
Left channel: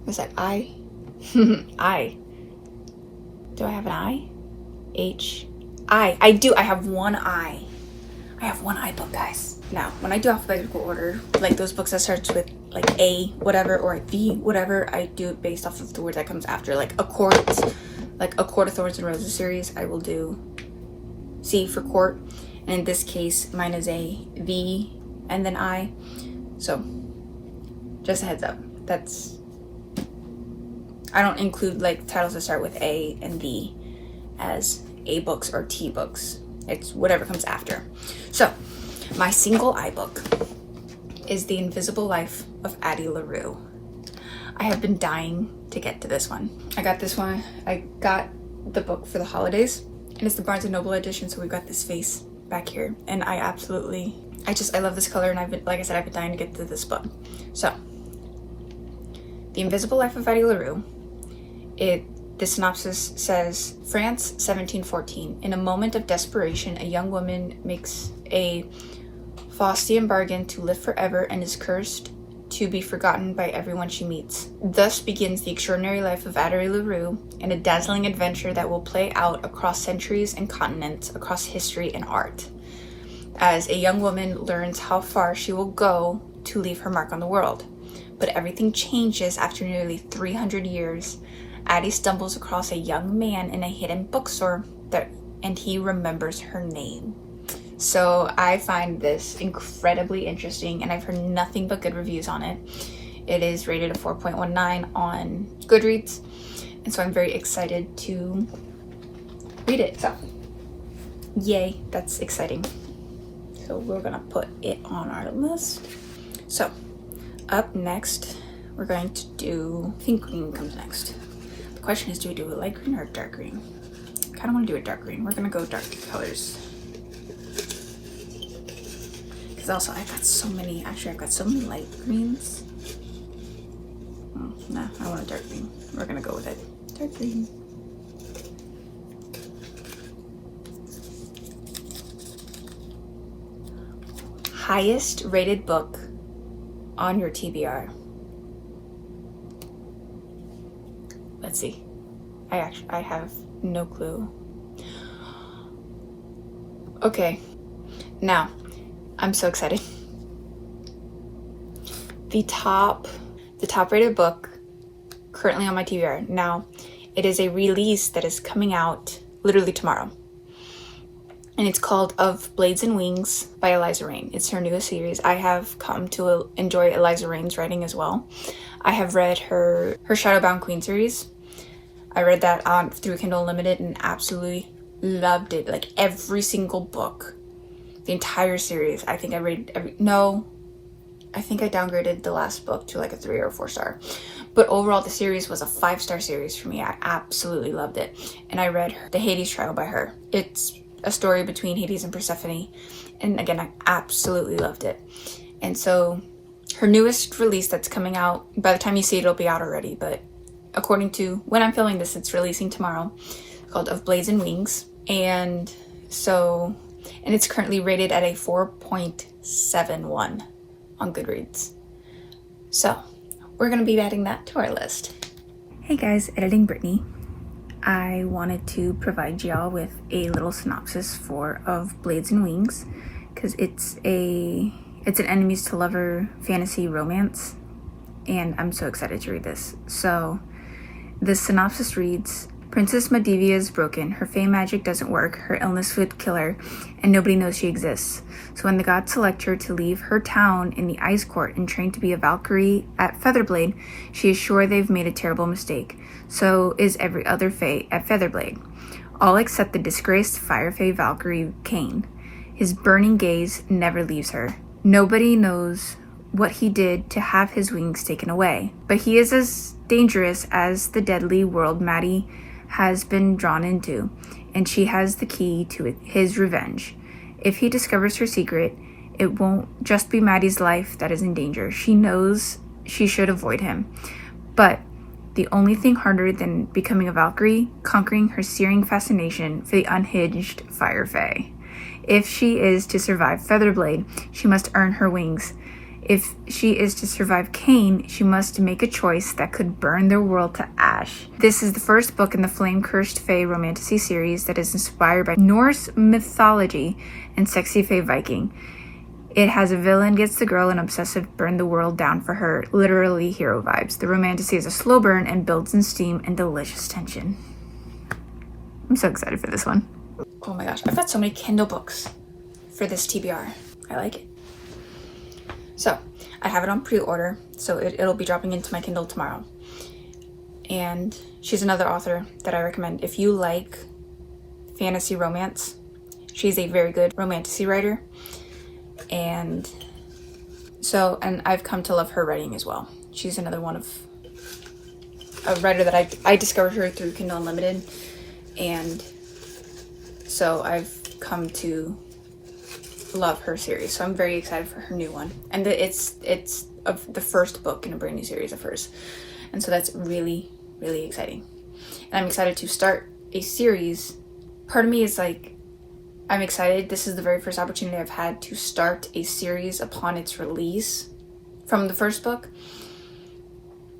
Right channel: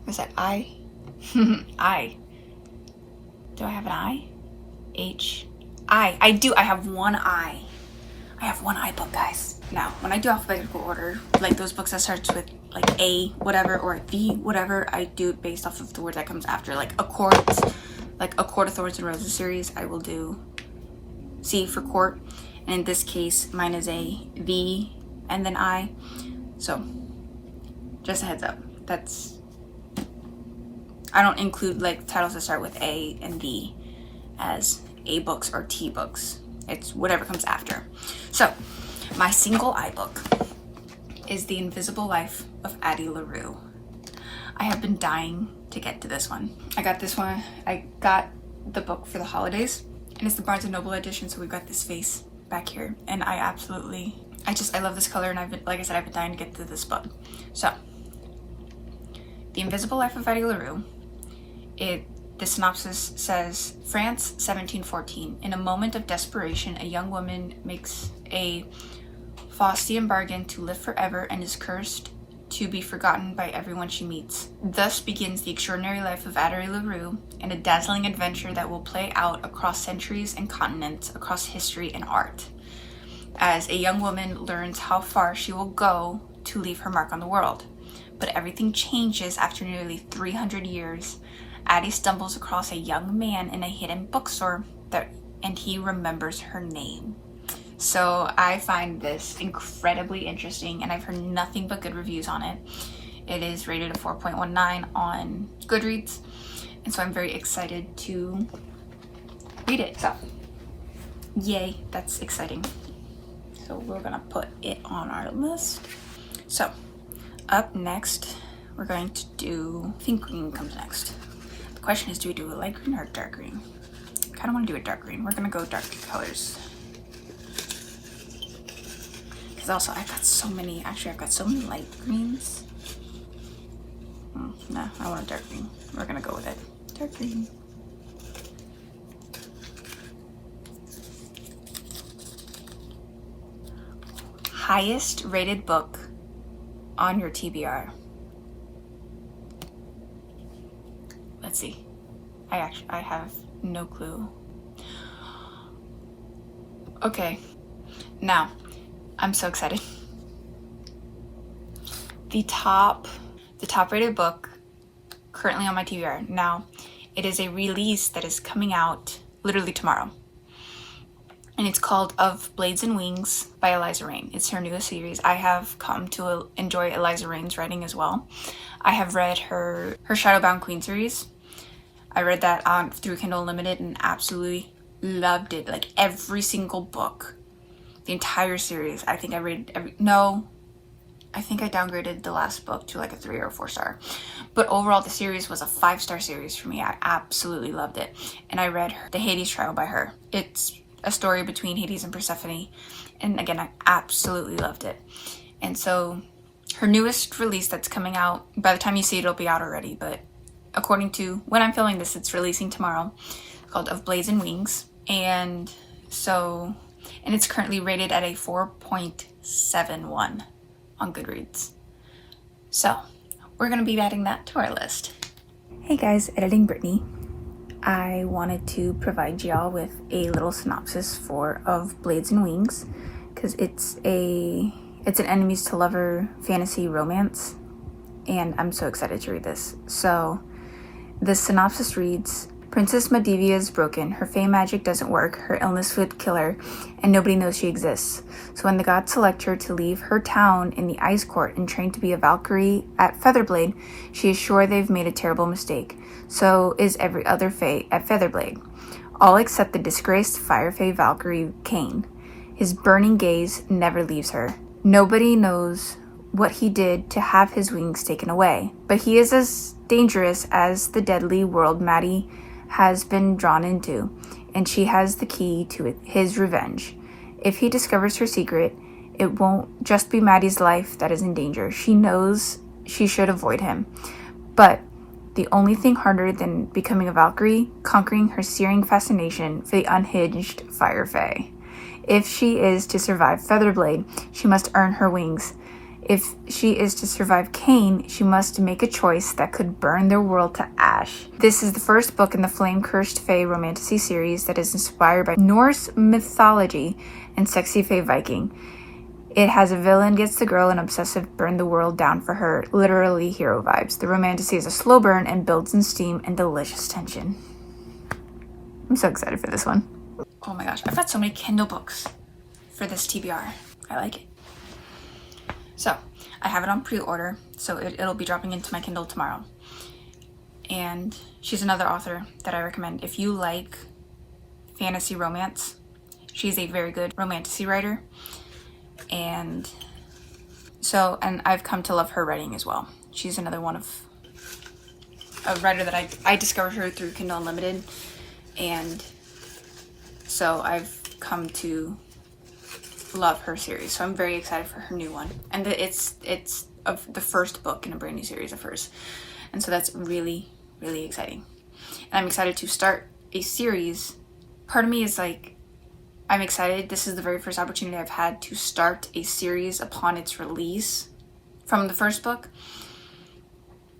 Is that I? I. Do I have an I? H. I do. I have one I. I have one I book, guys. Now, when I do alphabetical order, like those books that starts with like A, whatever, or V, whatever, I do it based off of the word that comes after. Like A Court of Thorns and Roses series, I will do C for court. And in this case, mine is a V and then I. So, just a heads up. I don't include like titles that start with A and V as A books or T books. It's whatever comes after. So, my single I book is The Invisible Life of Addie LaRue. I have been dying to get to this one. I got this one. I got the book for the holidays, and it's the Barnes & Noble edition, so we've got this face back here. And I love this color, and like I said, I've been dying to get to this book. So, The Invisible Life of Addie LaRue. The synopsis says, France, 1714. In a moment of desperation, a young woman makes a Faustian bargain to live forever and is cursed to be forgotten by everyone she meets. Thus begins the extraordinary life of Addie LaRue, and a dazzling adventure that will play out across centuries and continents, across history and art, as a young woman learns how far she will go to leave her mark on the world. But everything changes after nearly 300 years. Addie stumbles across a young man in a hidden bookstore and he remembers her name. So I find this incredibly interesting, and I've heard nothing but good reviews on it. It is rated a 4.19 on Goodreads, and so I'm very excited to read it. So yay, that's exciting. So we're gonna put it on our list. So up next, we're going to do, I think green comes next. The question is, do we do a light green or a dark green? I kind of want to do a dark green. We're gonna go dark colors. Because also I've got so many light greens. Oh, no, I want a dark green. We're gonna go with it. Dark green. Highest rated book on your TBR. Let's see. I have no clue. Okay. Now, I'm so excited. The top rated book currently on my TBR. Now, it is a release that is coming out literally tomorrow. And it's called Of Blades and Wings by Eliza Reign. It's her newest series. I have come to enjoy Eliza Reign's writing as well. I have read her Shadowbound Queen series. I read that through Kindle Unlimited and absolutely loved it. Like every single book, the entire series. I think I downgraded the last book to like a 3 or a 4 star. But overall, the series was a 5-star series for me. I absolutely loved it. And I read The Hades Trial by her. It's a story between Hades and Persephone. And again, I absolutely loved it. And so her newest release that's coming out, by the time you see it, it'll be out already. But according to when I'm filming this, it's releasing tomorrow, called Of Blades and Wings. And it's currently rated at a 4.71 on Goodreads. So we're gonna be adding that to our list. Hey guys, Editing Brittany. I wanted to provide y'all with a little synopsis for Of Blades and Wings, because it's an enemies to lover fantasy romance, and I'm so excited to read this. So the synopsis reads, Princess Medivia is broken, her fey magic doesn't work, her illness would kill her, and nobody knows she exists. So when the gods select her to leave her town in the Ice Court and train to be a Valkyrie at Featherblade, she is sure they've made a terrible mistake. So is every other fey at Featherblade, all except the disgraced fire fey Valkyrie Kane. His burning gaze never leaves her. Nobody knows what he did to have his wings taken away, but he is as dangerous as the deadly world Maddie has been drawn into, and she has the key to his revenge. If he discovers her secret, it won't just be Maddie's life that is in danger. She knows she should avoid him. But the only thing harder than becoming a Valkyrie, conquering her searing fascination for the unhinged Fire Fae. If she is to survive Featherblade, she must earn her wings. If she is to survive Cain, she must make a choice that could burn their world to ash. This is the first book in the Flame-Cursed Fae Romantasy series that is inspired by Norse mythology and sexy Fae Viking. It has a villain gets the girl and obsessive burn the world down for her, literally hero vibes. The Romantasy is a slow burn and builds in steam and delicious tension. I'm so excited for this one. Oh my gosh, I've got so many Kindle books for this TBR. I like it. So, I have it on pre-order, so it'll be dropping into my Kindle tomorrow. And she's another author that I recommend. If you like fantasy romance, she's a very good romantasy writer. And I've come to love her writing as well. She's another one of a writer that I discovered her through Kindle Unlimited. And so I've come to love her series, so I'm very excited for her new one, and it's of the first book in a brand new series of hers, and so that's really exciting. And I'm excited to start a series. Part of me is like, I'm excited. This is the very first opportunity I've had to start a series upon its release from the first book,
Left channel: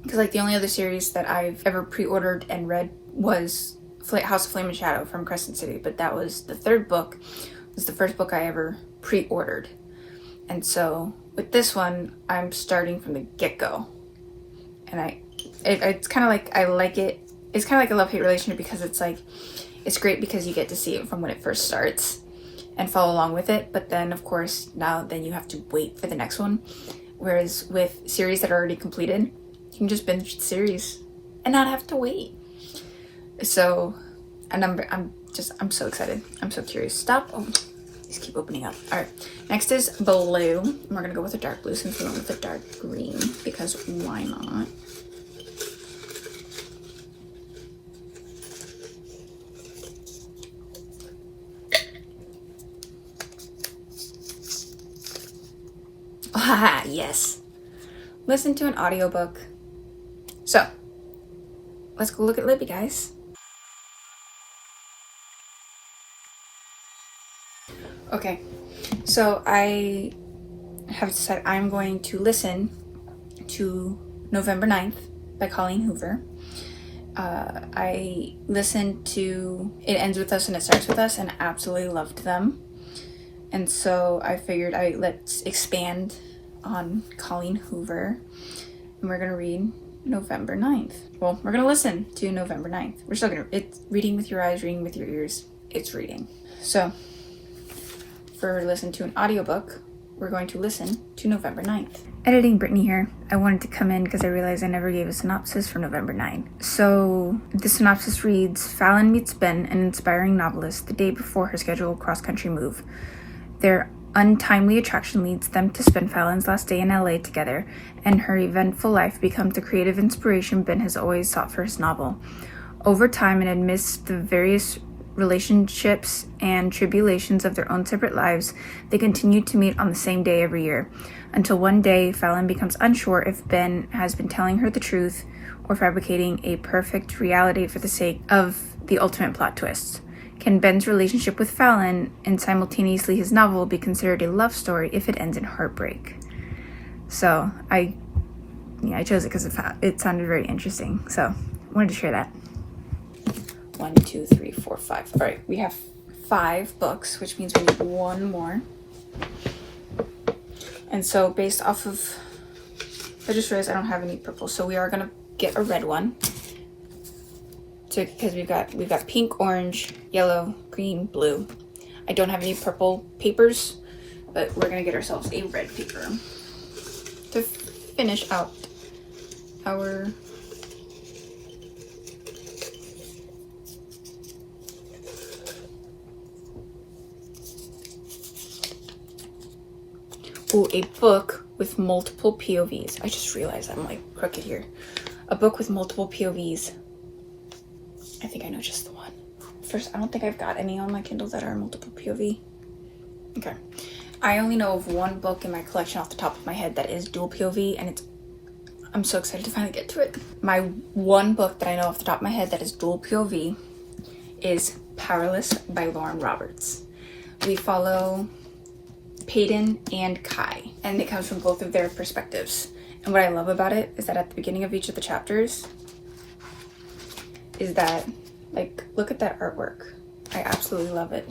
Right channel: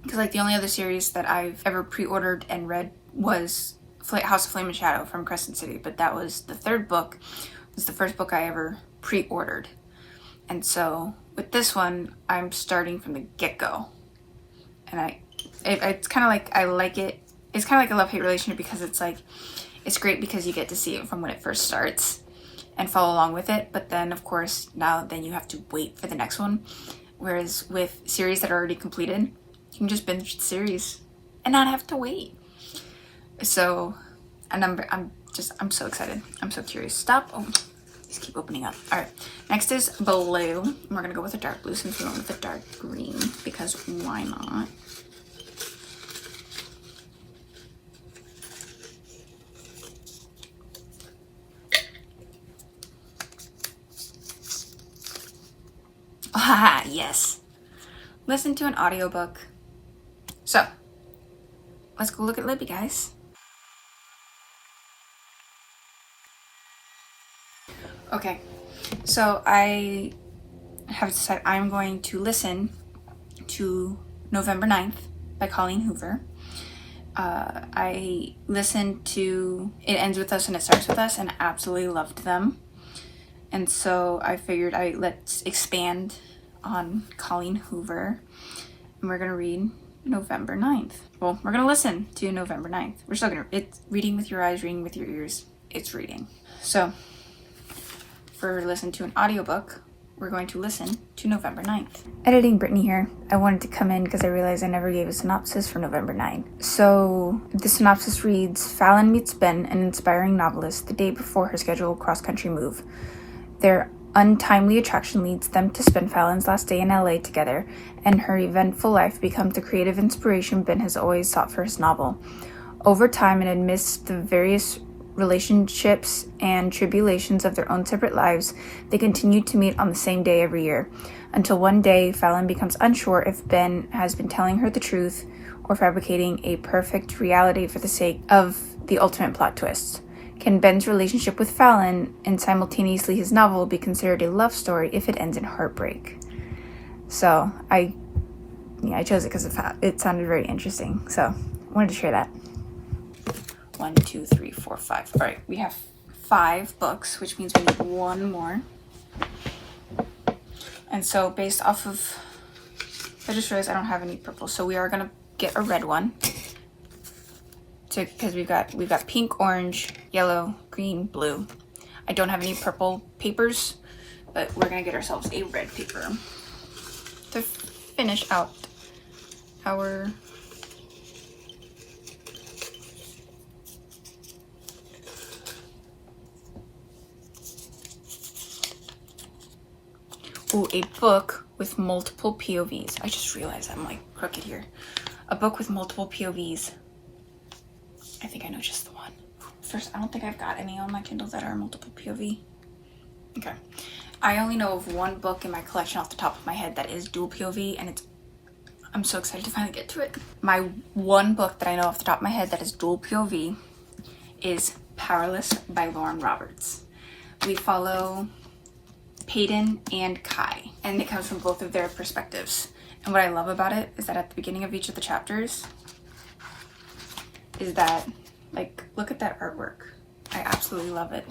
because like the only other series that I've ever pre-ordered and read was House of Flame and Shadow from Crescent City, but that was the third book. It was the first book I ever pre-ordered. And so with this one, I'm starting from the get-go. And it's kind of like, I like it. It's kind of like a love-hate relationship, because it's like, it's great because you get to see it from when it first starts and follow along with it. But then of course, then you have to wait for the next one. Whereas with series that are already completed, you can just binge the series and not have to wait. So, and I'm so excited. I'm so curious. Stop. Oh, these keep opening up. All right. Next is blue. And we're going to go with a dark blue since we went with a dark green, because why not? Ah, yes. Listen to an audiobook. So, let's go look at Libby, guys. Okay, so I have decided I'm going to listen to November 9th by Colleen Hoover. I listened to It Ends With Us and It Starts With Us and absolutely loved them. And so I figured let's expand on Colleen Hoover, and we're gonna read November 9th. Well, we're gonna listen to November 9th. We're still gonna, it's reading with your eyes, reading with your ears. It's reading. So for listen to an audiobook, we're going to listen to November 9th. Editing Brittany here. I wanted to come in because I realized I never gave a synopsis for November 9th. So the synopsis reads, Fallon meets Ben, an inspiring novelist, the day before her scheduled cross-country move. Their untimely attraction leads them to spend Fallon's last day in LA together, and her eventful life becomes the creative inspiration Ben has always sought for his novel. Over time, and amidst the various relationships and tribulations of their own separate lives, they continue to meet on the same day every year, until one day Fallon becomes unsure if Ben has been telling her the truth or fabricating a perfect reality for the sake of the ultimate plot twists. Can Ben's relationship with Fallon and simultaneously his novel be considered a love story if it ends in heartbreak? So I chose it because it sounded very interesting, so I wanted to share that. 1, 2, 3, 4, 5. All right, we have 5 books, which means we need one more. And so based off of, I just realized I don't have any purple, so we are gonna get a red one. So because we've got pink, orange, yellow, green, blue. I don't have any purple papers, but we're gonna get ourselves a red paper to finish out our Ooh, a book with multiple POVs. I just realized I'm like crooked here. A book with multiple POVs. I think I know just the one. First, I don't think I've got any on my Kindle that are multiple POV. Okay. I only know of one book in my collection off the top of my head that is dual POV, and I'm so excited to finally get to it. My one book that I know off the top of my head that is dual POV is Powerless by Lauren Roberts. We follow Peyton and Kai, and it comes from both of their perspectives. And what I love about it is that at the beginning of each of the chapters is that, like, look at that artwork. I absolutely love it.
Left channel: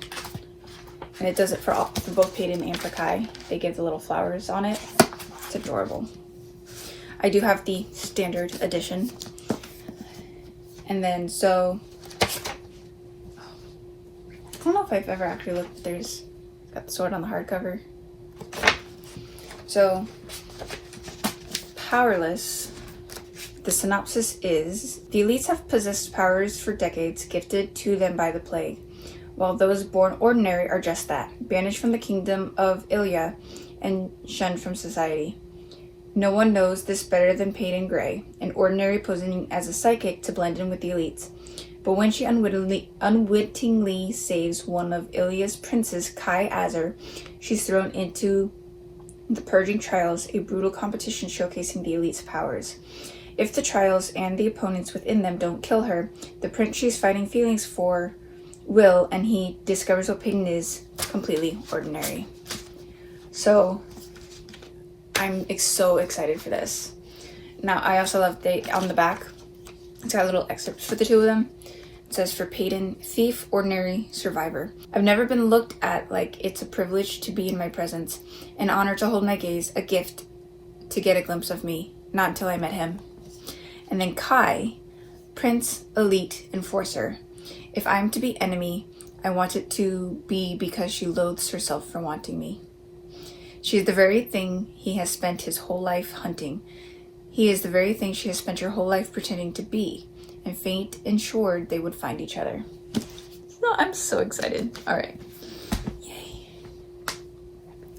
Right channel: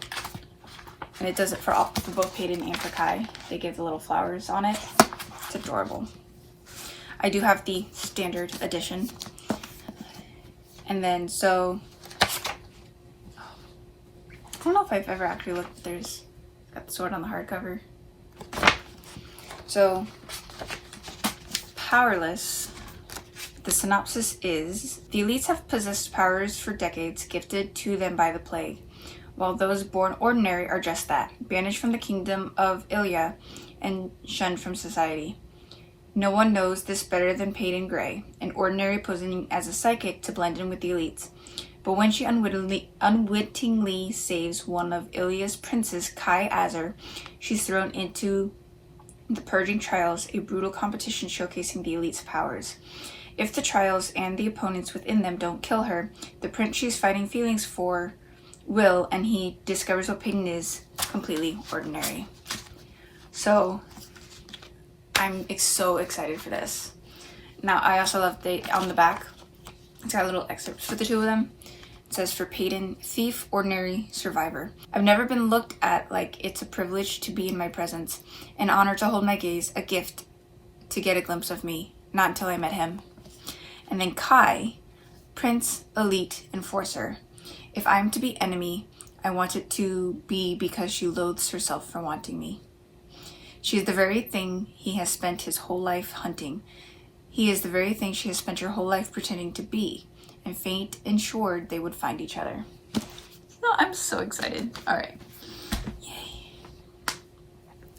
And it does it for both Peyton and for Kai. They give the little flowers on it. It's adorable. I do have the standard edition. And then, so, I don't know if I've ever actually looked. There's got the sword on the hardcover. So, Powerless, the synopsis is, the elites have possessed powers for decades gifted to them by the plague, while those born ordinary are just that, banished from the kingdom of Ilya and shunned from society. No one knows this better than Peyton Gray, an ordinary posing as a psychic to blend in with the elites. But when she unwittingly saves one of Ilya's princes, Kai Azar, she's thrown into the Purging Trials, a brutal competition showcasing the elite's powers. If the trials and the opponents within them don't kill her, the prince she's fighting feelings for will, and he discovers what Peyton is, completely ordinary. So I'm so excited for this. Now, I also love on the back, it's got little excerpts for the two of them. It says, for Peyton, thief, ordinary, survivor. I've never been looked at like it's a privilege to be in my presence, an honor to hold my gaze, a gift to get a glimpse of me. Not until I met him. And then Kai, prince, elite, enforcer. If I'm to be enemy, I want it to be because she loathes herself for wanting me. She is the very thing he has spent his whole life hunting. He is the very thing she has spent her whole life pretending to be, and fate ensured they would find each other. So I'm so excited. All right. Yay.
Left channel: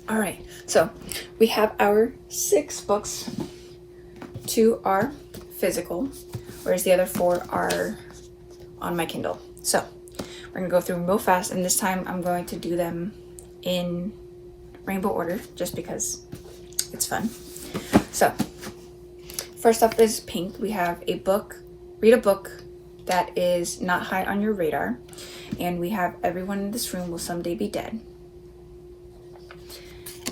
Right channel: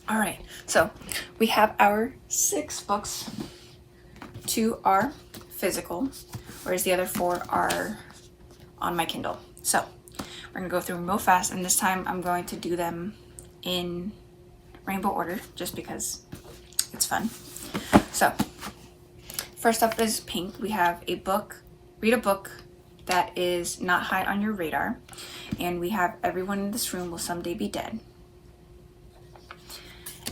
All right. So we have our 6 books. 2 are physical, whereas the other 4 are on my Kindle. So we're gonna go through them real fast, and this time I'm going to do them in rainbow order just because it's fun. So first up is pink. We have a book, read a book that is not high on your radar, and we have everyone in this room will someday be dead.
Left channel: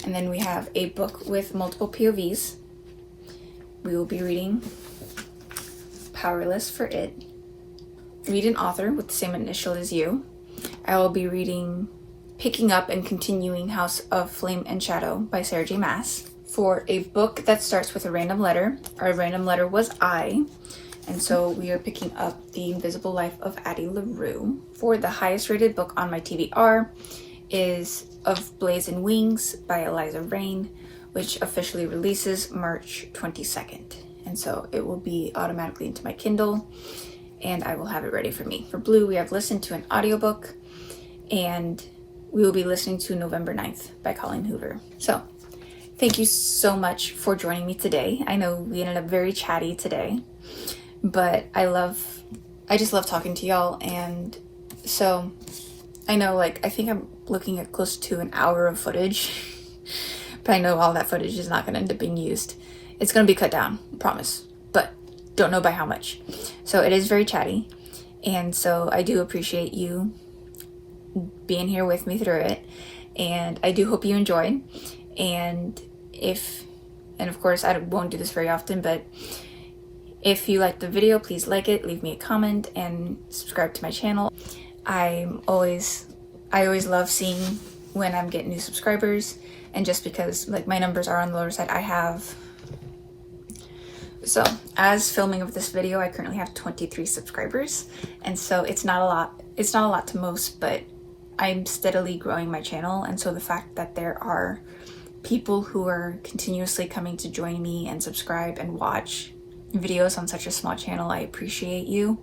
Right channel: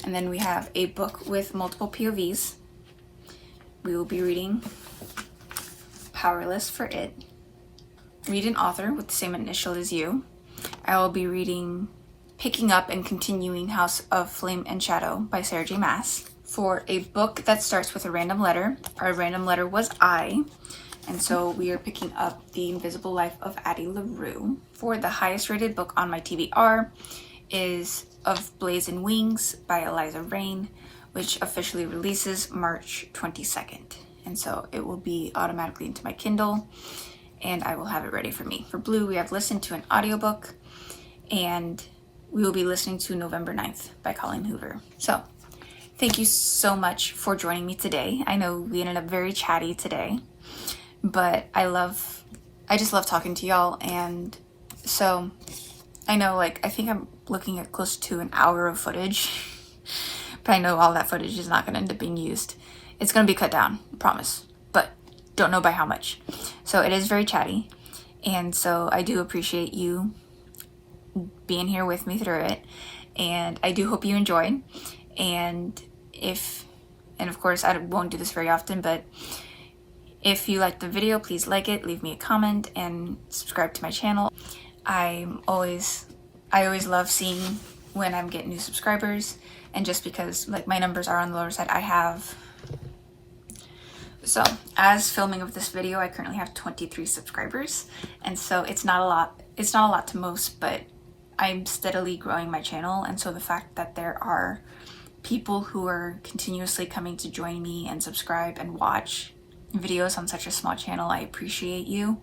And then we have a book with multiple POVs. We will be reading Powerless for it. Read an author with the same initial as you. I will be reading Picking Up and Continuing House of Flame and Shadow by Sarah J. Maas. For a book that starts with a random letter, our random letter was I, and so we are picking up The Invisible Life of Addie LaRue. For the highest rated book on my TBR is Of Blaze and Wings by Eliza Rain, which officially releases March 22nd. And so it will be automatically into my Kindle, and I will have it ready for me. For blue, we have listened to an audiobook, and we will be listening to November 9th by Colleen Hoover. So thank you so much for joining me today. I know we ended up very chatty today, but I just love talking to y'all. And so I know, like, I think I'm looking at close to an hour of footage, but I know all that footage is not going to end up being used. It's going to be cut down, I promise, but don't know by how much. So it is very chatty, and so I do appreciate you being here with me through it, and I do hope you enjoy. And of course, I won't do this very often, but if you like the video, please like it, leave me a comment, and subscribe to my channel. I always love seeing when I'm getting new subscribers, and just because, like, my numbers are on the lower side, so as filming of this video, I currently have 23 subscribers, and so it's not a lot to most, but I'm steadily growing my channel. And so the fact that there are people who are continuously coming to join me and subscribe and watch videos on such a small channel, I appreciate you,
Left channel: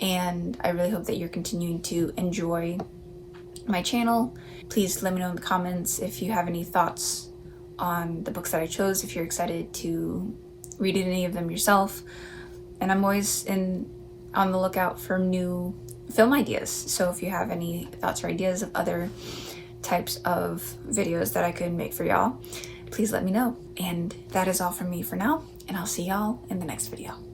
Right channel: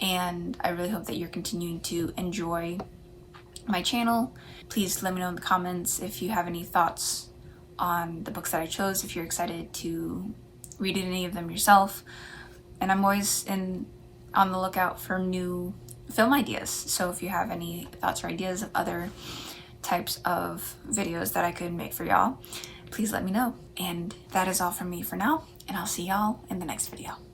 and I really hope that you're continuing to enjoy my channel. Please let me know in the comments if you have any thoughts on the books that I chose if you're excited to read any of them yourself. And I'm always on the lookout for new film ideas. So if you have any thoughts or ideas of other types of videos that I could make for y'all, please let me know. And that is all from me for now, and I'll see y'all in the next video.